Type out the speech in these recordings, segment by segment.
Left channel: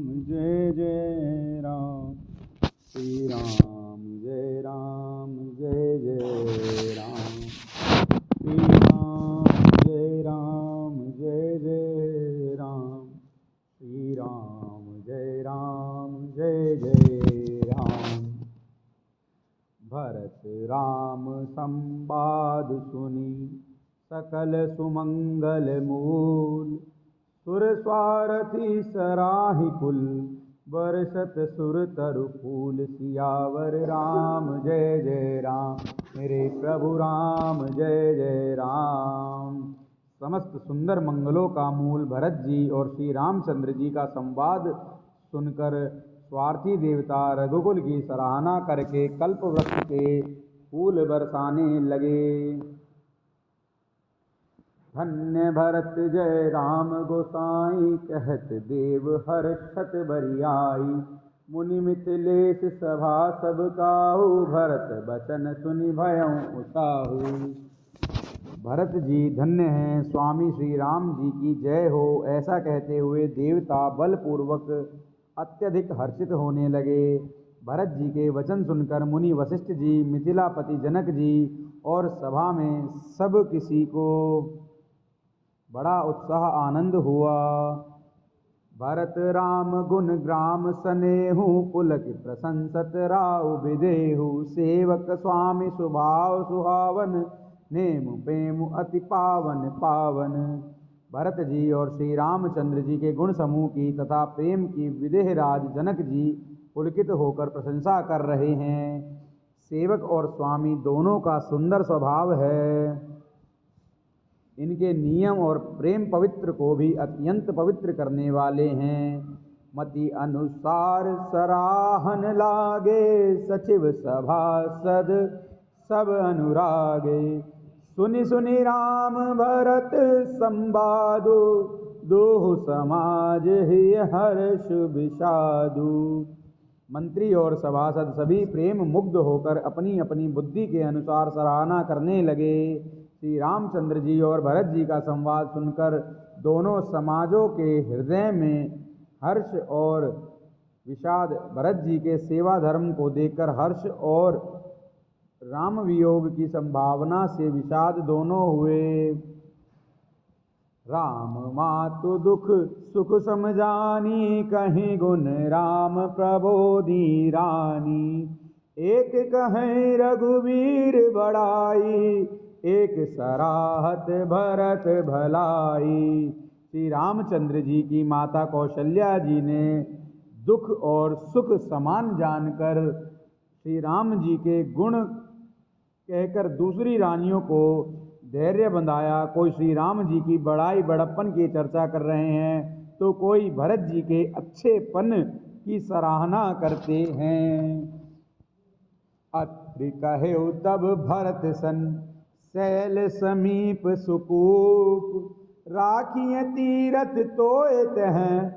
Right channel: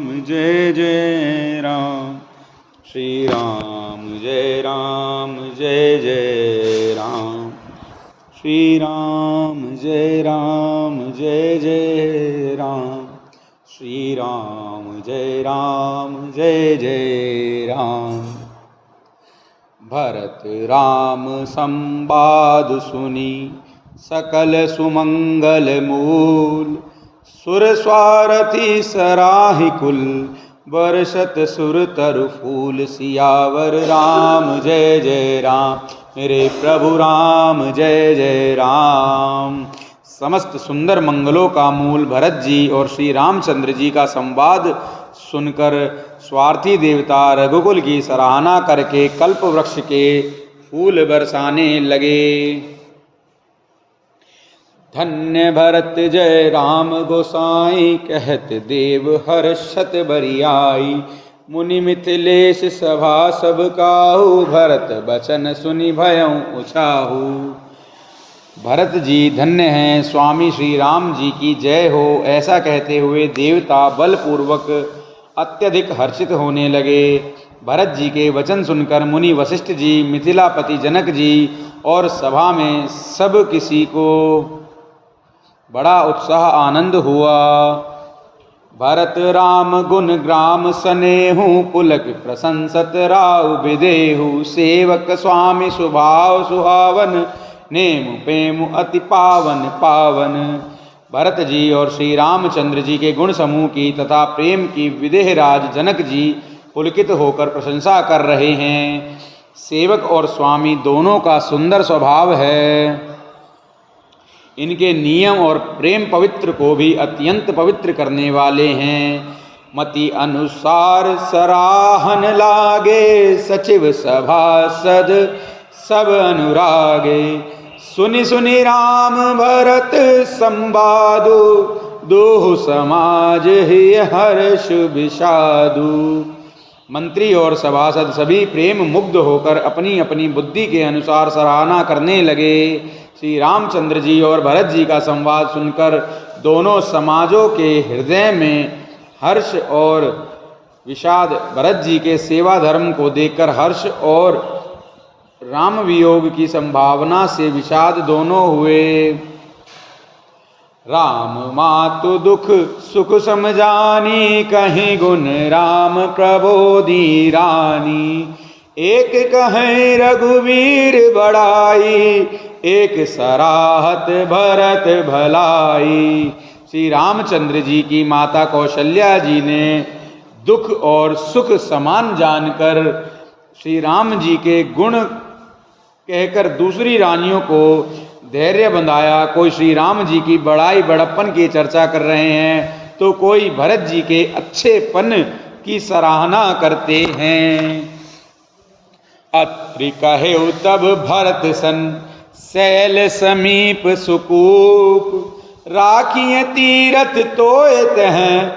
जय जय राम श्री राम जय जय राम श्री राम जय जय राम श्री राम जय राम। भरत राम संवाद सुनी सकल सुमंगल मूल, सुर स्वारथी सराहि कुल, बरसत सुर तरु फूल। सियावर राम जय राम, मेरे प्रभु राम जय राम। समस्त सुंदर मंगलों का मूल भरत जी और श्री रामचंद्र जी का संवाद सुनकर स्वार्थी देवता रघुकुल की सराहना करके कल्प वृक्ष के फूल बरसाने लगे। धन्य भरत जय राम गोसाई, कहत देव हर्षत बरियाई। मुनि मिथिलेश सभा सब काहू, भरत बचन सुनि भयउ उछाहू। भरत जी धन्य हैं, स्वामी श्री राम जी की जय हो, ऐसा कहते हुए देवता बलपूर्वक अत्यधिक हर्षित होने लगे। भरत जी के वचन सुनकर मुनि वशिष्ठ जी, मिथिलापति जनक जी और सभा में सब किसी को बड़ा उत्साह आनंद हुआ। भरत राम गुण ग्राम सनेहु, पुलक प्रशंसत राव विदेहु। सेवक स्वामी स्वभाव सुहावन, नेम प्रेम अति पावन पावन। भरत जी और श्री रामचंद्र जी के गुण समूह की तथा प्रेम की विदेहराज जनक जी पुलकित होकर प्रशंसा कर रहे हैं। सेवक और स्वामी दोनों का सुंदर स्वभाव है। इनके नियम और प्रेम पवित्र को भी अत्यंत पवित्र करने वाले हैं। मति अनुसार सराहन लागे, सचिव सभासद सब अनुरागे। सुनि सुनि राम भरत संवादु, दोहु समाज ही हर्ष विषादु। मंत्री और सभासद सभी प्रेम मुग्ध होकर अपनी अपनी बुद्धि के अनुसार सराहना करने लगे। श्री रामचंद्र जी और भरत जी का संवाद सुनकर दोनों समाजों के हृदय में हर्ष और विषाद, भरत जी के सेवा धर्म को देखकर हर्ष और राम वियोग की संभावना से विषाद दोनों हुए। राम मातु दुख सुख समझानी, कहीं गुण राम प्रबोधि रानी। एक कहें रघुवीर बड़ाई, एक सराहत भरत भलाई। श्री रामचंद्र जी की माता कौशल्या जी ने दुख और सुख समान जानकर श्री राम जी के गुण कहकर दूसरी रानियों को धैर्य बंधाया। कोई श्री राम जी की बड़ाई बड़प्पन की चर्चा कर रहे हैं, तो कोई भरत जी के अच्छेपन की सराहना करते हैं। अत्रि कहेउ तब भरत सन, शैल समीप सुकूप। राखिए तीरथ तोयत हैं,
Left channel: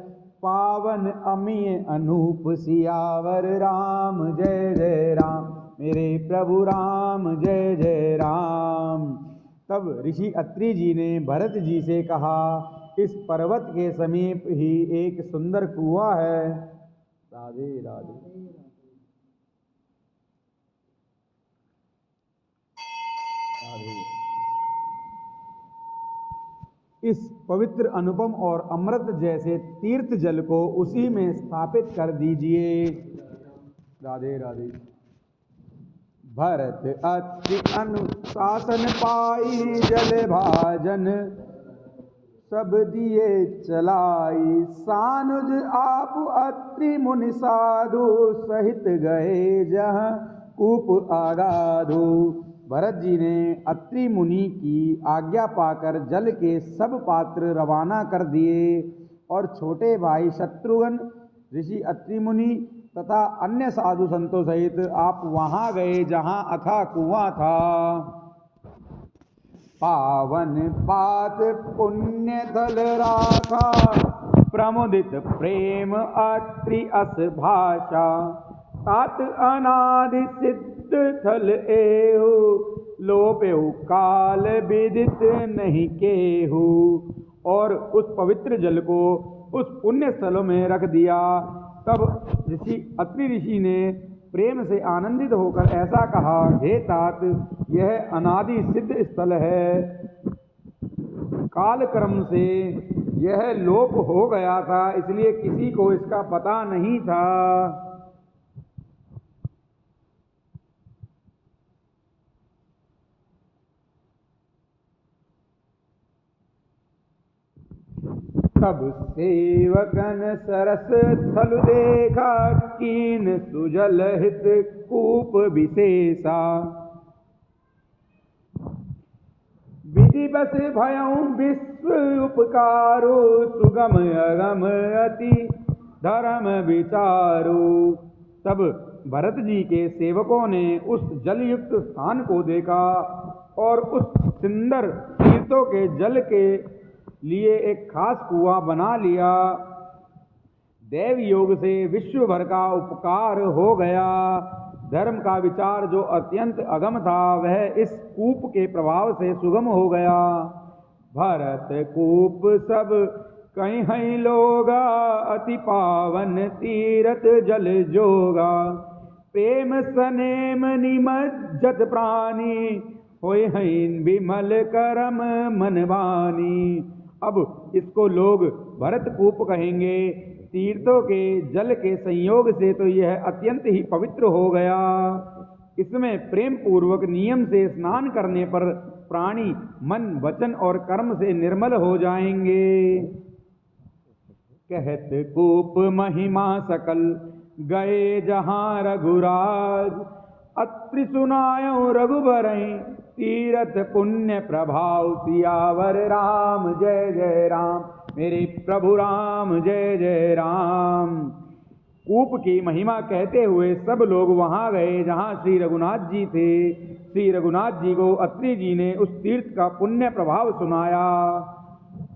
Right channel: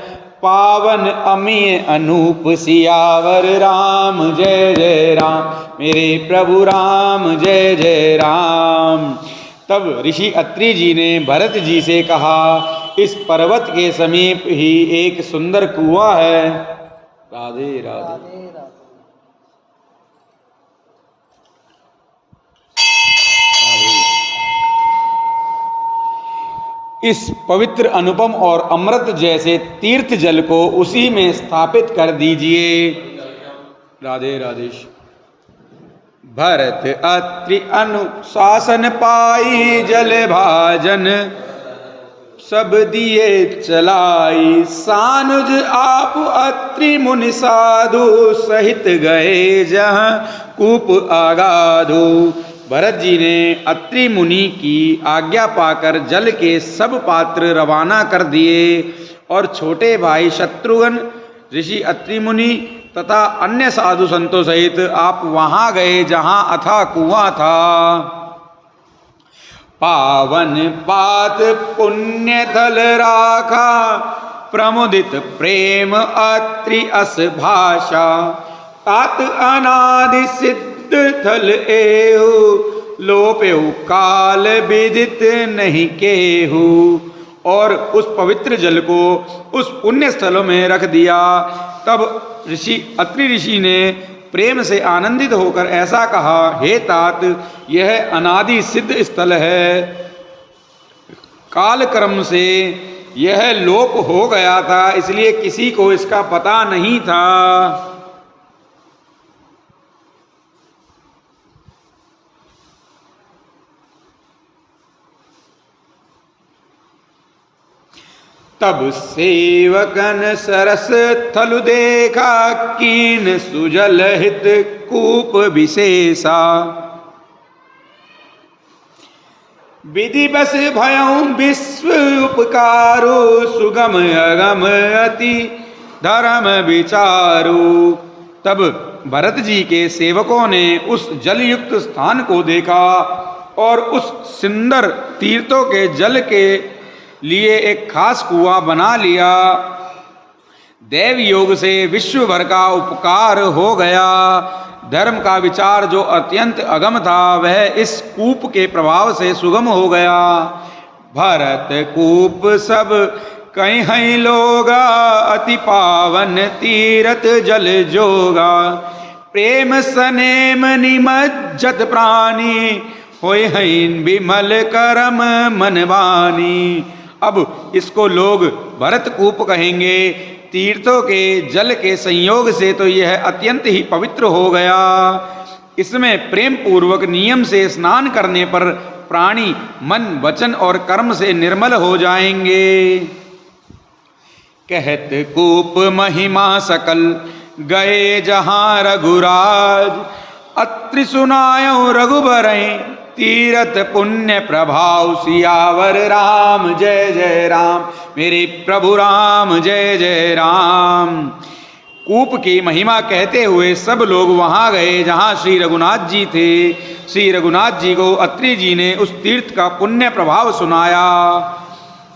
पावन अमीय अनूप। सियावर राम जय राम, मेरे प्रभु राम जय राम। तब ऋषि अत्रि जी ने भरत जी से कहा, इस पर्वत के समीप ही एक सुंदर कुआं है। राधे राधे। इस पवित्र अनुपम और अमृत जैसे तीर्थ जल को उसी में स्थापित कर दीजिए। राधे राधेश। भरत अत्रि अनुशासन पाई, जल भाजन सब दिए चलाई। सानुज आप अत्रि मुनि साधु, सहित गए जहाँ कूप आगाधु। भरत जी ने अत्रि मुनि की आज्ञा पाकर जल के सब पात्र रवाना कर दिए और छोटे भाई शत्रुघ्न, ऋषि अत्रि मुनि तथा अन्य साधु संतों सहित आप वहां गए जहां अथाह कुआं था। पावन पात पुण्य थल राखा, प्रमुदित प्रेम अत्रि अस भाषा। तात अनादि सिद्ध थल एहु, लोपेउ काल विदित नहीं केहु। और उस पवित्र जल को उस पुण्य स्थलों में रख दिया। तब अत्रि ऋषि ने प्रेम से आनंदित होकर ऐसा कहा, हे तात, यह अनादि सिद्ध स्थल है। काल क्रम से यह लोप हो गया था, इसलिए किसी को इसका पता नहीं था। तब सेवकन सरस थलु देखा, कीन सुजल हित कूप विशेषा। विधि बस भयं विश्व उपकारो, सुगम अगम अति धर्म विचारो। तब भरत जी के सेवकों ने उस जलयुक्त स्थान को देखा और उस सुंदर तीर्थों के जल के लिए एक खास कुआं बना लिया। देव योग से विश्व भर का उपकार हो गया। धर्म का विचार जो अत्यंत अगम था, वह इस कूप के प्रभाव से सुगम हो गया। भरत कूप सब कहीं लोगा, अति पावन तीरथ जल जोगा। प्रेम सनेम निमज्जत प्राणी, होय हैं विमल करम मनवानी। अब इसको लोग भरत कूप कहेंगे। तीर्थों के जल के संयोग से तो यह अत्यंत ही पवित्र हो गया। इसमें प्रेम पूर्वक नियम से स्नान करने पर प्राणी मन वचन और कर्म से निर्मल हो जाएंगे। कहत कूप महिमा सकल, गए जहां रघुराज। अत्रि सुनायो रघुबरई, तीरथ पुण्य प्रभाव। सियावर राम जय जय राम, मेरे प्रभु राम जय जय राम। कूप की महिमा कहते हुए सब लोग वहां गए जहां श्री रघुनाथ जी थे। श्री रघुनाथ जी को अत्रि जी ने उस तीर्थ का पुण्य प्रभाव सुनाया।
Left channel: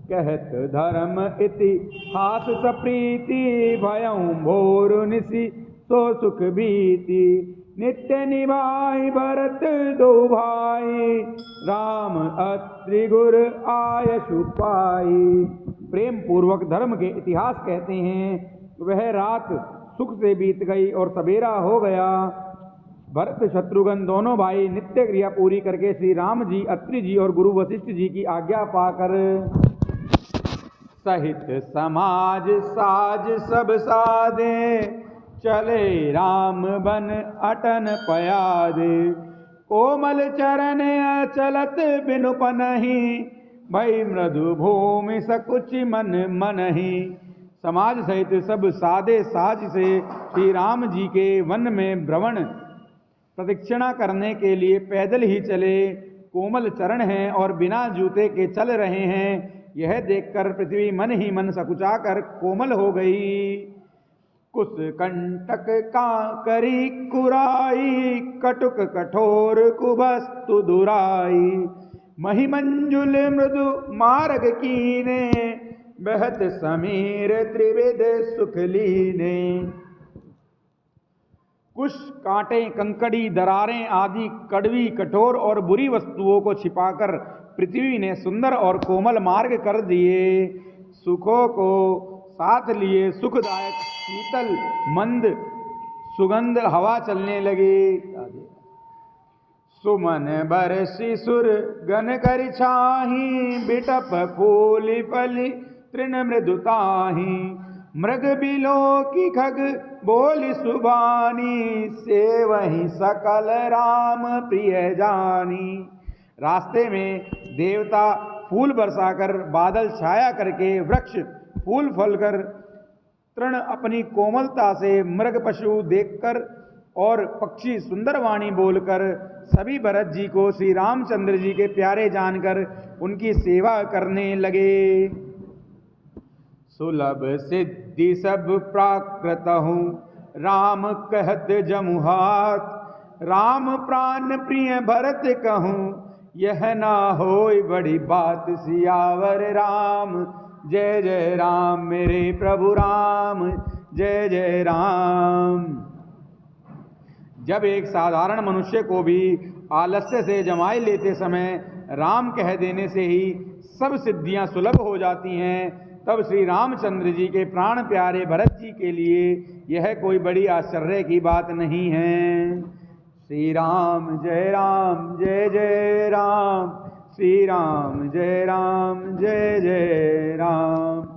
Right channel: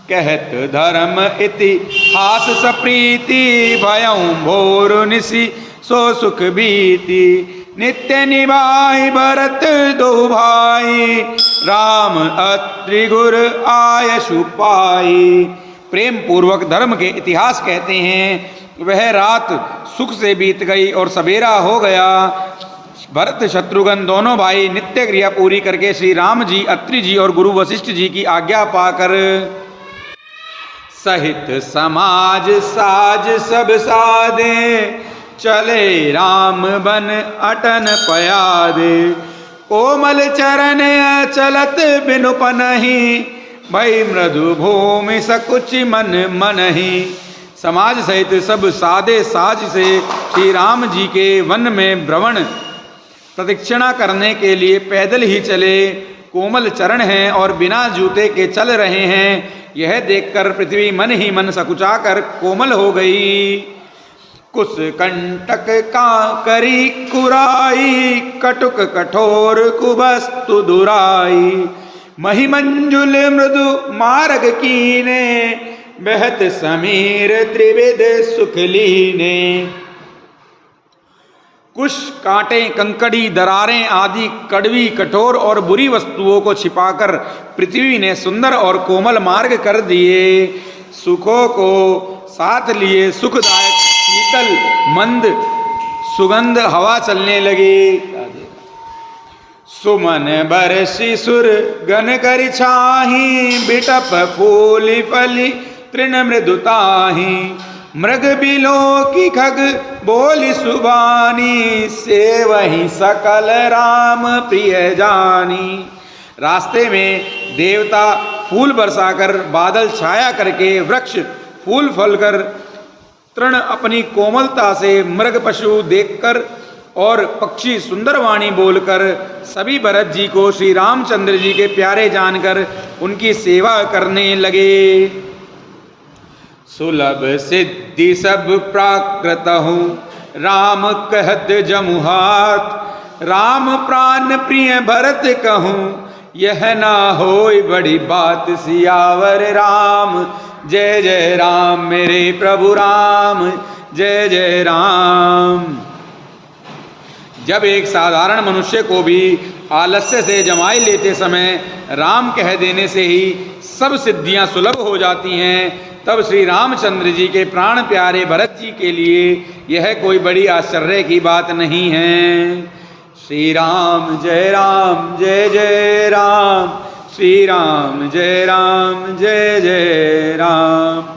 कहत धर्म इतिहास सप्रीति, भयं भोर निशि सो सुख बीती। नित्य निभाई भरत दो भाई, राम अत्रि गुर आयशु पाई। प्रेम पूर्वक धर्म के इतिहास कहते हैं। वह रात सुख से बीत गई और सवेरा हो गया। भरत शत्रुघ्न दोनों भाई नित्य क्रिया पूरी करके श्री राम जी, अत्रि जी और गुरु वशिष्ठ जी की आज्ञा पाकर सहित समाज साज सब सादे। चले राम बन अटन पयादे। कोमल चरण चलत बिनु पनहि, भई मृदु भूमि सकुच मन मनहि। समाज सहित सब सादे साज से श्री राम जी के वन में भ्रमण प्रदक्षिणा करने के लिए पैदल ही चले। कोमल चरण हैं और बिना जूते के चल रहे हैं। यह देखकर पृथ्वी मन ही मन सकुचाकर कोमल हो गई। कुश कंटक का करी कुराई, कटुक कठोर कुबस्तु दुराई। महिमंजुल मृदु मार्ग कीने, बहत समीर त्रिविध सुख लीने। कुश, कांटे, कंकड़ी, दरारें आदि कड़वी, कठोर और बुरी वस्तुओं को छिपाकर पृथ्वी ने सुंदर और कोमल मार्ग कर दिए। सुखों को साथ लिए सुखदायक शीतल मंद सुगंध हवा चलने लगी। सुमन बरसी सुर गन कर छाही, बिटप फूली फली तृण मृदुताही। मृग बिलो की खग बोली सुबानी, से वही सकल राम प्रिय जानी। रास्ते में देवता फूल बरसाकर, बादल छाया करके, वृक्ष फूल फलकर, तृण अपनी कोमलता से, मृग पशु देखकर और पक्षी सुंदर वाणी बोलकर सभी भरत जी को श्री रामचंद्र जी के प्यारे जानकर उनकी सेवा करने लगे। सुलभ सिद्धि सब प्राकृत हूँ, राम कहत जमुहात। राम प्राण प्रिय भरत कहूँ, यह ना होय बड़ी बात। सियावर राम जय जय राम, मेरे प्रभु राम जय जय राम। जब एक साधारण मनुष्य को भी आलस्य से जमाई लेते समय राम कह देने से ही सब सिद्धियां सुलभ हो जाती हैं, तब श्री रामचंद्र जी के प्राण प्यारे भरत जी के लिए यह कोई बड़ी आश्चर्य की बात नहीं है। श्री राम जय जय राम, श्री राम जय जय राम।